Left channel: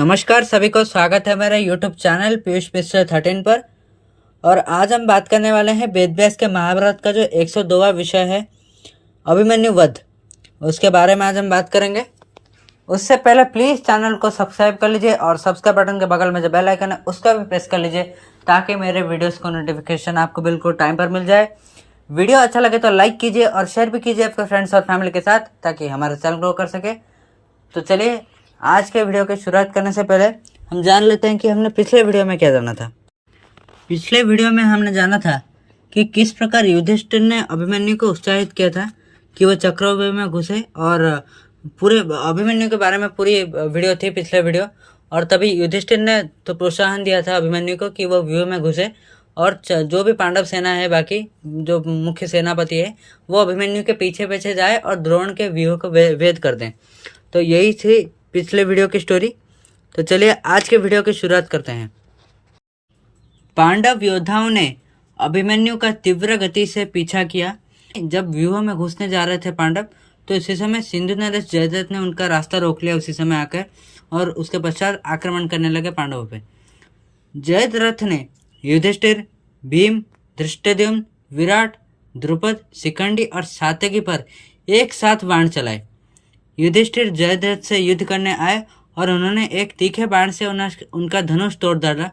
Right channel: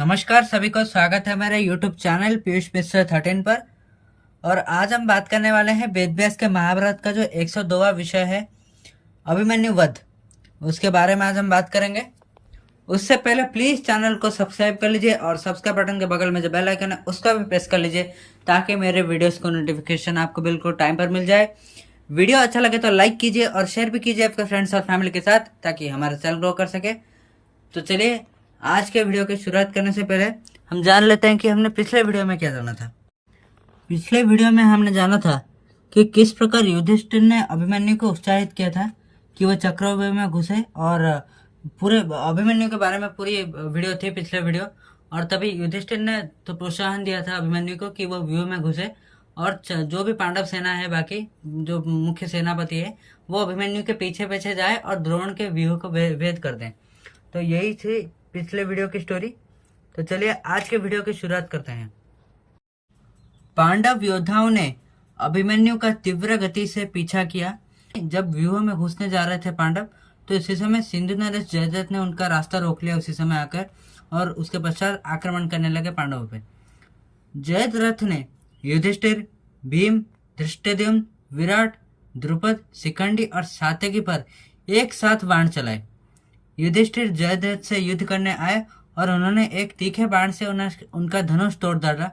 नमस्कार सभी को स्वागत है मेरे YouTube चैनल पीयूष मिश्र 13 पर। और आज हम बात करने वाले हैं वेद व्यास के महाभारत का जो 102वां विषय है अभिमन्यु वध, उसके बारे में आज हम बात करेंगे। उससे पहले प्लीज़ चैनल को सब्सक्राइब कर लीजिए और सब्सक्राइब बटन के बगल में जो बेल आइकन है उसका भी प्रेस कर लीजिए ताकि मेरे वीडियोस को नोटिफिकेशन आपको बिल्कुल टाइम पर मिल जाए। वीडियो अच्छा लगे तो लाइक कीजिए और शेयर भी कीजिए आपके फ्रेंड्स और फैमिली के साथ ताकि हमारा चैनल ग्रो कर सके। तो चलिए आज के वीडियो की शुरुआत करने से पहले हम जान लेते हैं कि हमने पिछले वीडियो में क्या जाना था। पिछले वीडियो में हमने जाना था कि किस प्रकार युधिष्ठिर ने अभिमन्यु को उत्साहित किया था कि वह चक्रव्यूह में घुसे, और पूरे अभिमन्यु के बारे में पूरी वीडियो थी पिछले वीडियो। और तभी युधिष्ठिर ने तो प्रोत्साहन दिया था अभिमन्यु को कि वह व्यूह में घुसे और जो भी पांडव सेना है, बाकी जो मुख्य सेनापति है, वो अभिमन्यु के पीछे पीछे जाए और द्रोण के व्यूह को भेद कर दें। तो यही थी पिछले वीडियो की स्टोरी। तो चलिए आज के वीडियो की शुरुआत करते हैं। पांडव योद्धाओं ने अभिमन्यु का तीव्र गति से पीछा किया। जब व्यूह में घुसने जा रहे थे पांडव, तो इसी समय सिंधु नरेश जयद्रथ ने उनका रास्ता रोक लिया उसी समय आकर, और उसके पश्चात आक्रमण करने लगे पांडवों पे। जयद्रथ ने युधिष्ठिर, भीम, धृष्टद्युम्न, विराट, द्रुपद, शिखंडी और सात्यकी पर एक साथ बाण चलाए। युधिष्ठिर जयद्रथ से युद्ध करने आए और उन्होंने एक तीखे बाण से उनका धनुष तोड़ डाला,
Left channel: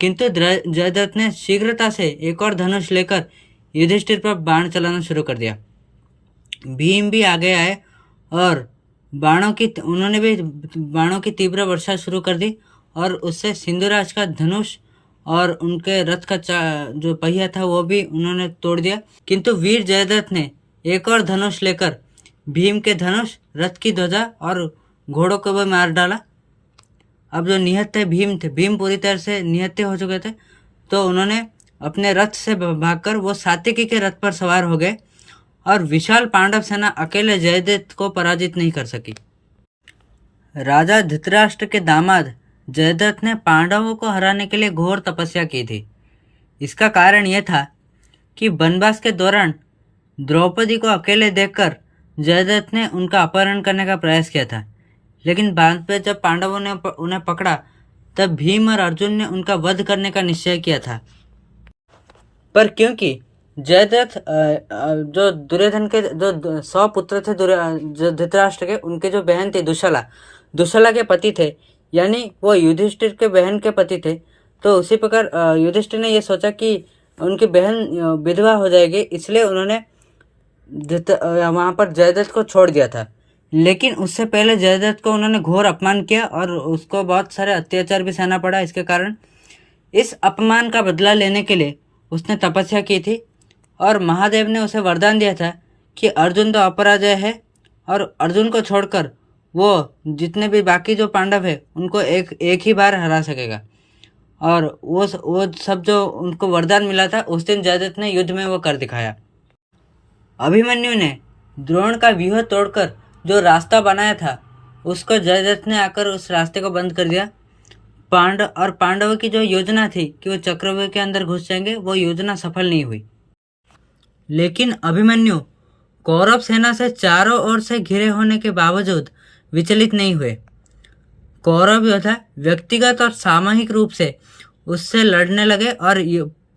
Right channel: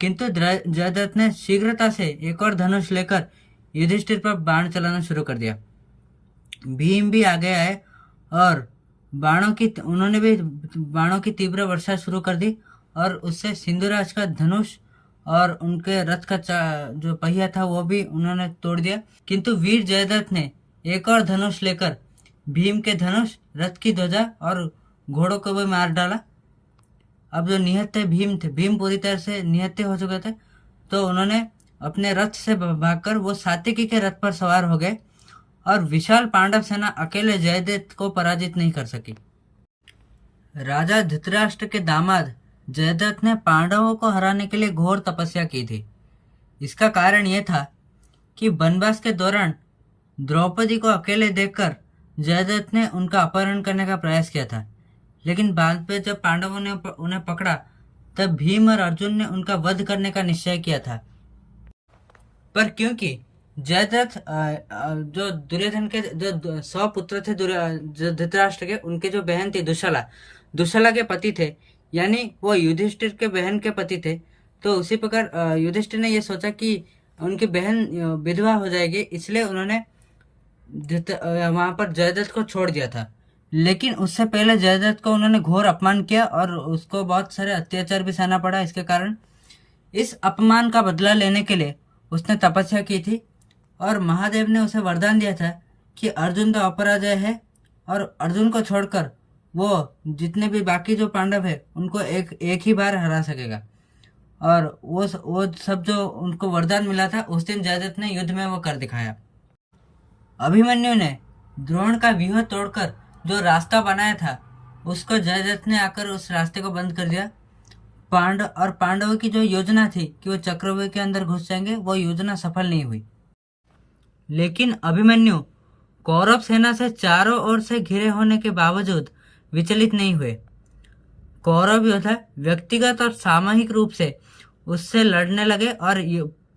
किंतु जयद्रथ ने शीघ्रता से एक और धनुष लेकर युधिष्ठिर पर बाण चलाना शुरू कर दिया। भीम भी आगे आए और उन्होंने भी बाणों की तीव्र वर्षा शुरू कर दी और उससे सिंधुराज का धनुष और उनके रथ का जो पहिया था वो भी उन्होंने तोड़ दिया। किंतु वीर जयद्रथ ने एक और धनुष लेकर भीम के धनुष, रथ की ध्वजा और घोड़ों को भी मार डाला। अब जो निहत्थे भीम थे, भीम पूरी तरह से निहत्थे हो चुके थे, तो उन्होंने अपने रथ से भागकर वो सात्यकी के रथ पर सवार हो गए और विशाल पांडव सेना अकेले जयद्रथ को पराजित नहीं कर सकी। राजा धृतराष्ट्र के दामाद जयद्रथ ने पांडवों को हराने के लिए घोर तपस्या की थी। इसका कारण यह था कि वनवास के दौरान द्रौपदी को अकेले देखकर जयद्रथ ने उनका अपहरण करने का प्रयास किया था, लेकिन बाद में जब पांडवों ने उन्हें पकड़ा तब भीम और अर्जुन ने उनका वध करने का निश्चय किया था। पर क्योंकि जयद्रथ जो दुर्योधन के जो 100 पुत्र थे धृतराष्ट्र के, उनके जो बहन थी दुशला के पति थे, यानी वो युधिष्ठिर के बहन के पति थे, तो उसी प्रकार युधिष्ठिर ने यह सोचा कि उनकी बहन विधवा हो जाएगी, इसलिए उन्होंने वहां पर जयद्रथ को छोड़ दिया था। लेकिन उससे पहले जयद्रथ को उन्होंने घोर अपमान किया और उसको बहुत सारे अत्याचार भी सहना पड़ा। इसके कारण इस अपमान का बदला लेने के लिए उसने तपस्या की थी और महादेव ने उसे वरदान दिया था कि अर्जुन तो अपराजय है और अर्जुन को छोड़कर वो जितने भी बाकी जो पांडव है उनको एक ही बार हरा सकेगा। और वो सब जो उनको वरदान मिला था उस दिन जयद्रथ ने युद्ध में वो कर दिखाया। अभिमन्यु ने द्रोण का व्यूह तोड़कर जो रास्ता बनाया था उसको जयद्रथ ने आकर उस रास्ते को बंद कर दिया। पांडवों की जो योजना थी कि वो चक्रव्यूह के अंदर घुस जाएंगे, वो योजना सफल नहीं हुई। लेकिन अभिमन्यु कौरव सेना से चारों ओर से घिरे होने के बावजूद विचलित नहीं हुए। कौरव योद्धा व्यक्तिगत और सामूहिक रूप से उससे लड़ने लगे और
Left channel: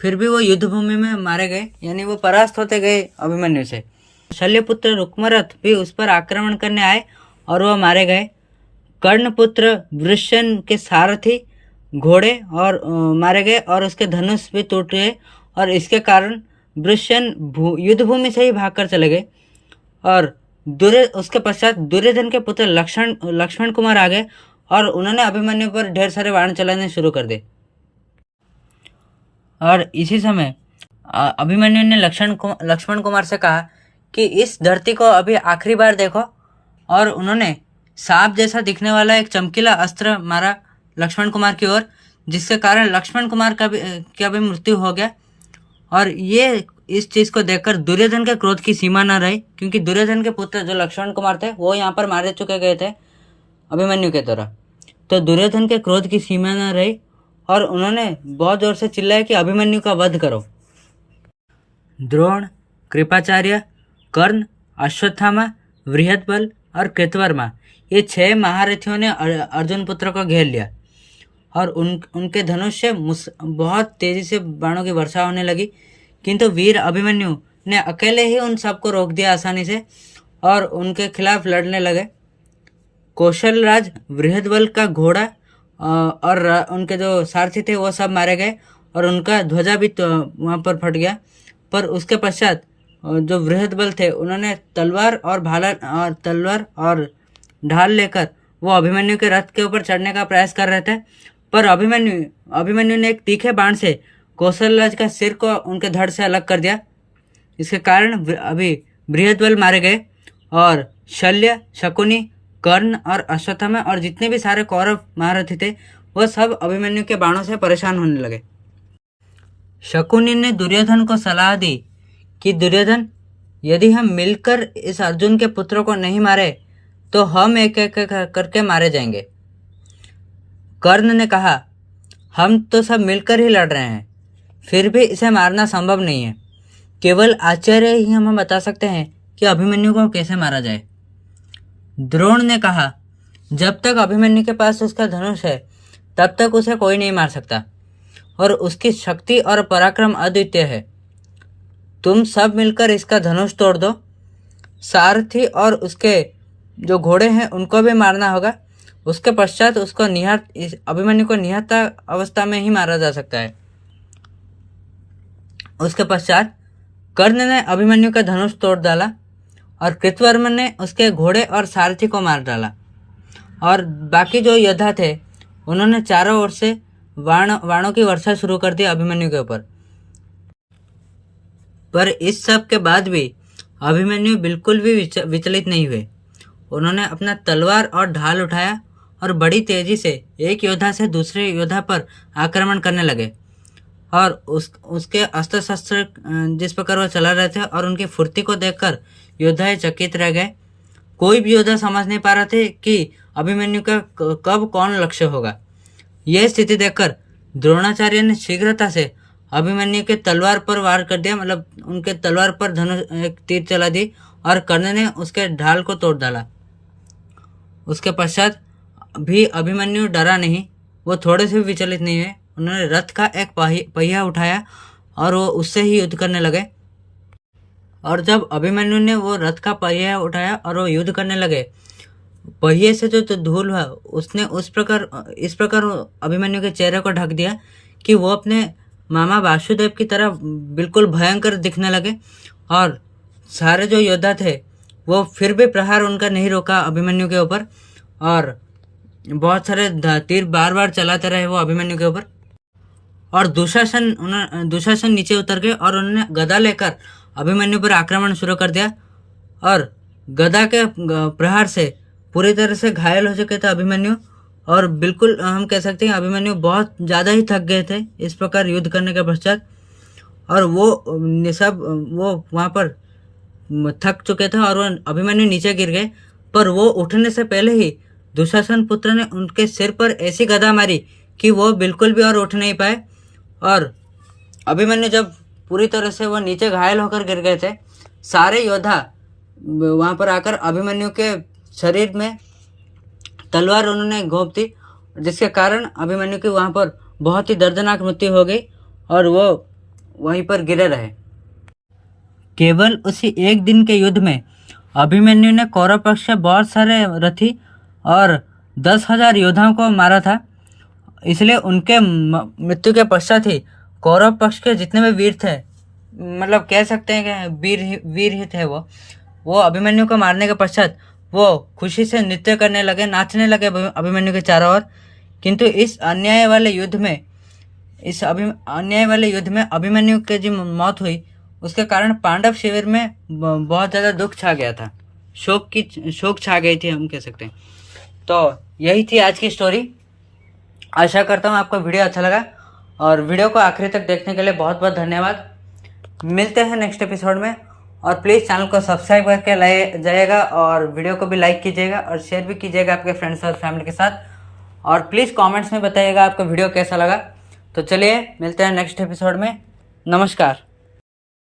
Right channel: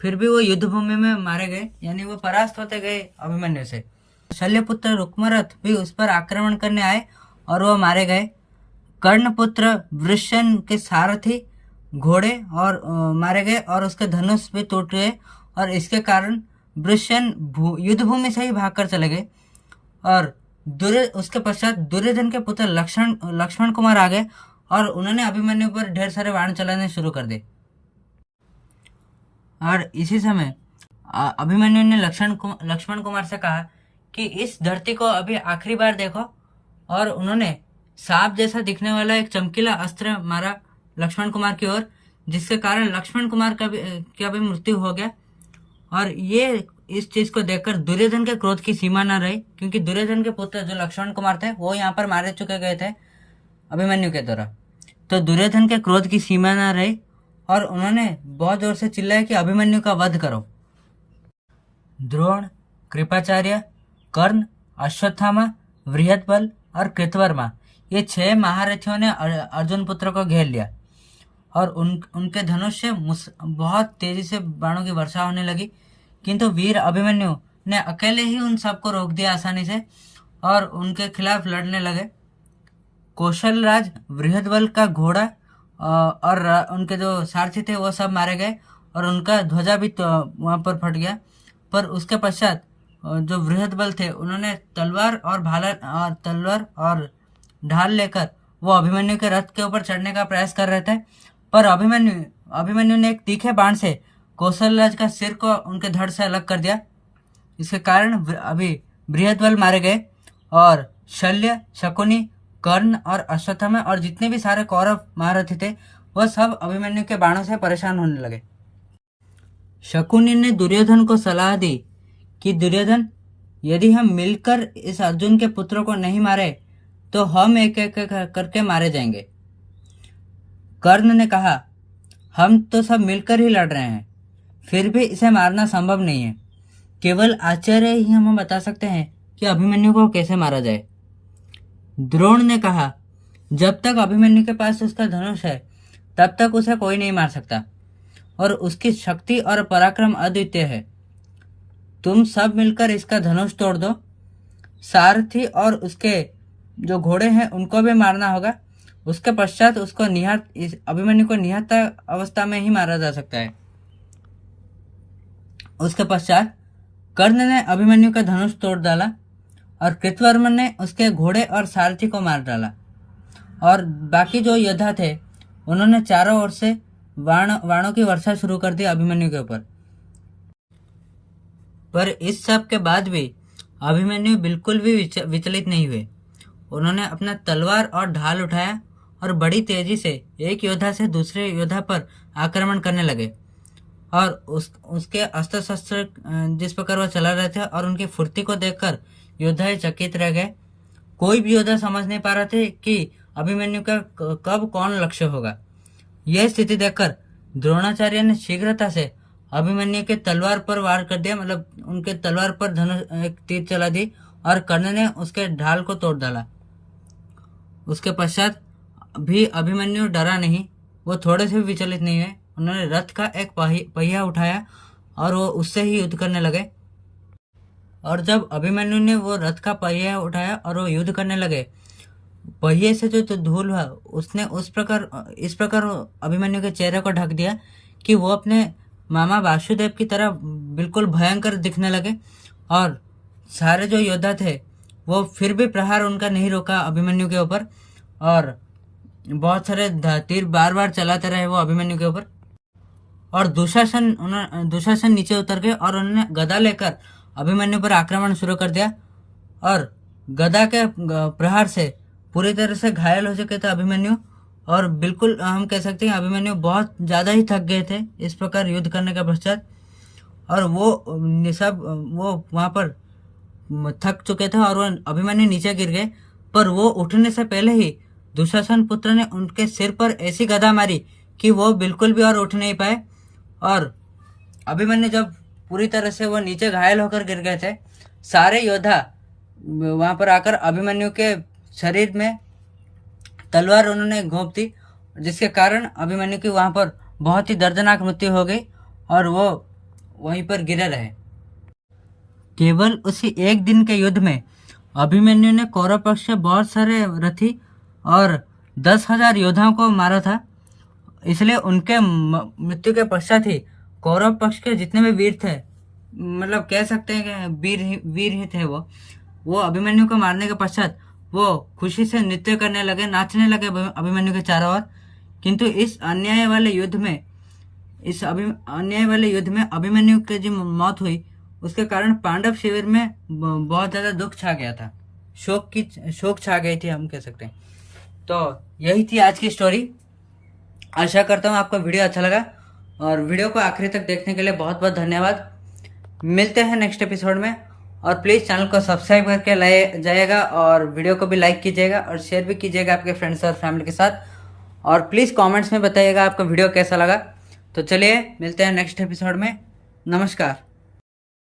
फिर भी वो युद्ध भूमि में मारे गए, यानी वो परास्त होते गए अभिमन्यु से। शल्यपुत्र रुक्मरथ भी उस पर आक्रमण करने आए और वह मारे गए। कर्णपुत्र वृषण के सारथी घोड़े और मारे गए और उसके धनुष भी टूट गए, और इसके कारण वृषण युद्ध भूमि से ही भागकर चले गए। और उसके पश्चात दुर्योधन के पुत्र लक्ष्मण कुमार आ गए और उन्होंने अभिमन्यु पर ढेर सारे बाण चलाने शुरू कर दिए। और इसी समय अभिमन्यु ने लक्ष्मण कुमार से कहा कि इस धरती को अभी आखिरी बार देखो, और उन्होंने सांप जैसा दिखने वाला एक चमकीला अस्त्र मारा लक्ष्मण कुमार की ओर, जिसके कारण लक्ष्मण कुमार का भी मृत्यु हो गया। और ये इस चीज को देखकर दुर्योधन के क्रोध की सीमा न रही, क्योंकि दुर्योधन के पुत्र जो लक्ष्मण कुमार थे वो यहाँ पर मारे चुके गए थे अभिमन्यु के द्वारा। तो दुर्योधन के क्रोध की सीमा न रही और उन्होंने बहुत जोर से चिल्लाया कि अभिमन्यु का वध करो। द्रोण, कृपाचार्य, कर्ण, अश्वत्थामा, बृहद्बल और कृतवर्मा ये 6 महारथियों ने अर्जुन पुत्र को घेर लिया और उनके धनुष से बहुत तेजी से बाणों की वर्षा होने लगी, किंतु वीर अभिमन्यु ने अकेले ही उन सबको रोक दिया आसानी से और उनके खिलाफ लड़ने लगे। कौशल राज बृहद्बल का घोड़ा और उनके जो सारथी थे वो सब मारे गए और उनका ध्वजा भी तो वहाँ पर फट गया। पर उसके पश्चात जो बृहद्बल थे उन्होंने तलवार और ढाल लेकर वो अभिमन्यु के रथ के ऊपर चढ़ने का प्रयास कर रहे थे, पर अभिमन्यु ने एक तीखे बाण से कौशलराज का सिर को उनके धड़ से अलग कर दिया। इसके कारण अभी बृहद्बल मारे गए और शल्य, शकुनी, कर्ण और अश्वत्थामा और जितने भी सारे कौरव महारथी थे वह सब अभिमन्यु के बाणों से परेशान होने लगे। शकुनी ने दुर्योधन को सलाह दी कि दुर्योधन, यदि हम मिलकर इस अर्जुन के पुत्रों को नहीं मारे तो हम एक एक करके मारे जाएंगे। कर्ण ने कहा, हम तो सब मिलकर ही लड़ रहे हैं, फिर भी इसे मारना संभव नहीं है। केवल आचार्य ही हमें बता सकते हैं कि अभिमन्यु को कैसे मारा जाए। द्रोण ने कहा, जब तक अभिमन्यु के पास उसका धनुष है तब तक उसे कोई नहीं मार सकता और उसकी शक्ति और पराक्रम अद्वितीय है। तुम सब मिलकर इसका धनुष तोड़ दो। सारथी और उसके जो घोड़े हैं उनको भी मारना होगा। उसके पश्चात उसको अभिमन्यु को निहत्था अवस्था में ही मारा जा सकता है। उसके पश्चात कर्ण ने अभिमन्यु का धनुष तोड़ डाला और कृतवर्मन ने उसके घोड़े और सारथी को मार डाला और बाकी जो योद्धा थे उन्होंने चारों ओर से बाणों की वर्षा शुरू कर दी अभिमन्यु के ऊपर। पर इस सब के बाद भी अभिमन्यु बिल्कुल भी विचलित नहीं हुए। उन्होंने अपना तलवार और ढाल उठाया और बड़ी तेजी से एक योद्धा से दूसरे योद्धा पर आक्रमण करने लगे और उसके अस्त्र शस्त्र जिस प्रकार वो चला रहे थे और उनकी फुर्ती को देखकर योद्धा चकित रह गए। कोई भी योद्धा समझ नहीं पा रहे थे कि अभिमन्यु का कब कौन लक्ष्य होगा। यह स्थिति देखकर द्रोणाचार्य ने शीघ्रता से अभिमन्यु के तलवार पर वार कर दिया, मतलब उनके तलवार पर धनुष एक तीर चला दी और कर्ण ने उसके ढाल को तोड़ डाला। उसके पश्चात भी अभिमन्यु डरा नहीं, वो थोड़े से भी विचलित नहीं है। उन्होंने रथ का एक पहिया उठाया और वो उससे ही युद्ध करने लगे। और जब अभिमन्यु ने वो रथ का पहिया उठाया और वो युद्ध करने लगे, पहिए से जो धूल हुआ उसने इस प्रकार अभिमन्यु के चेहरे को ढक दिया कि वो अपने मामा वासुदेव की तरह बिल्कुल भयंकर दिखने लगे। और सारे जो योद्धा थे वो फिर भी प्रहार उनका नहीं रोका अभिमन्यु के ऊपर और बहुत सारे तीर बार बार चलाते रहे वो अभिमन्यु के ऊपर। और दुशासन नीचे उतर गए और उन्होंने गदा लेकर अभिमन्यु पर आक्रमण शुरू कर दिया और गदा के प्रहार से पूरी तरह से घायल हो चुके थे अभिमन्यु और बिल्कुल हम कह सकते हैं अभिमन्यु बहुत ज़्यादा ही थक गए थे इस प्रकार युद्ध करने के पश्चात। और वो वहाँ पर थक चुके थे और वो अभिमन्यु नीचे गिर गए, पर वो उठने से पहले ही दुशासन पुत्र ने उनके सिर पर ऐसी गदा मारी कि वो बिल्कुल भी और उठ नहीं पाए। और अभिमन्यु जब पूरी तरह से वो नीचे घायल होकर गिर गए थे, सारे योद्धा वहाँ पर आकर अभिमन्यु के शरीर में तलवार उन्होंने घोंप दी, जिसके कारण अभिमन्यु की वहाँ पर बहुत ही दर्दनाक मृत्यु हो गई और वो वहीं पर गिरे रहे। केवल उसी एक दिन के युद्ध में अभिमन्यु ने कौरव पक्ष से बहुत सारे रथी और 10,000 योद्धाओं को मारा था। इसलिए उनके मृत्यु के पश्चात ही कौरव पक्ष के जितने भी वीर थे, मतलब कह सकते हैं कि वीर ही थे, वो अभिमन्यु को मारने के पश्चात वो खुशी से नृत्य करने लगे, नाचने लगे अभिमन्यु के चारों ओर। किंतु इस अन्याय वाले युद्ध में अभिमन्यु की जो मौत हुई उसके कारण पांडव शिविर में बहुत ज़्यादा दुख छा गया था, शोक छा गई थी हम कह सकते हैं। तो यही थी आज की स्टोरी। आशा करता हूँ आपको वीडियो अच्छा लगा और वीडियो को आखिरी तक देखने के लिए बहुत बहुत धन्यवाद। मिलते हैं नेक्स्ट एपिसोड में और प्लीज़ चैनल को सब्सक्राइब करके लाए जाइएगा और वीडियो को भी लाइक कीजिएगा और शेयर भी कीजिएगा आपके फ्रेंड्स और फैमिली के साथ। और प्लीज़ कमेंट्स में बताइएगा आपको वीडियो कैसा लगा। तो चलिए मिलते हैं नेक्स्ट एपिसोड में। नमस्कार।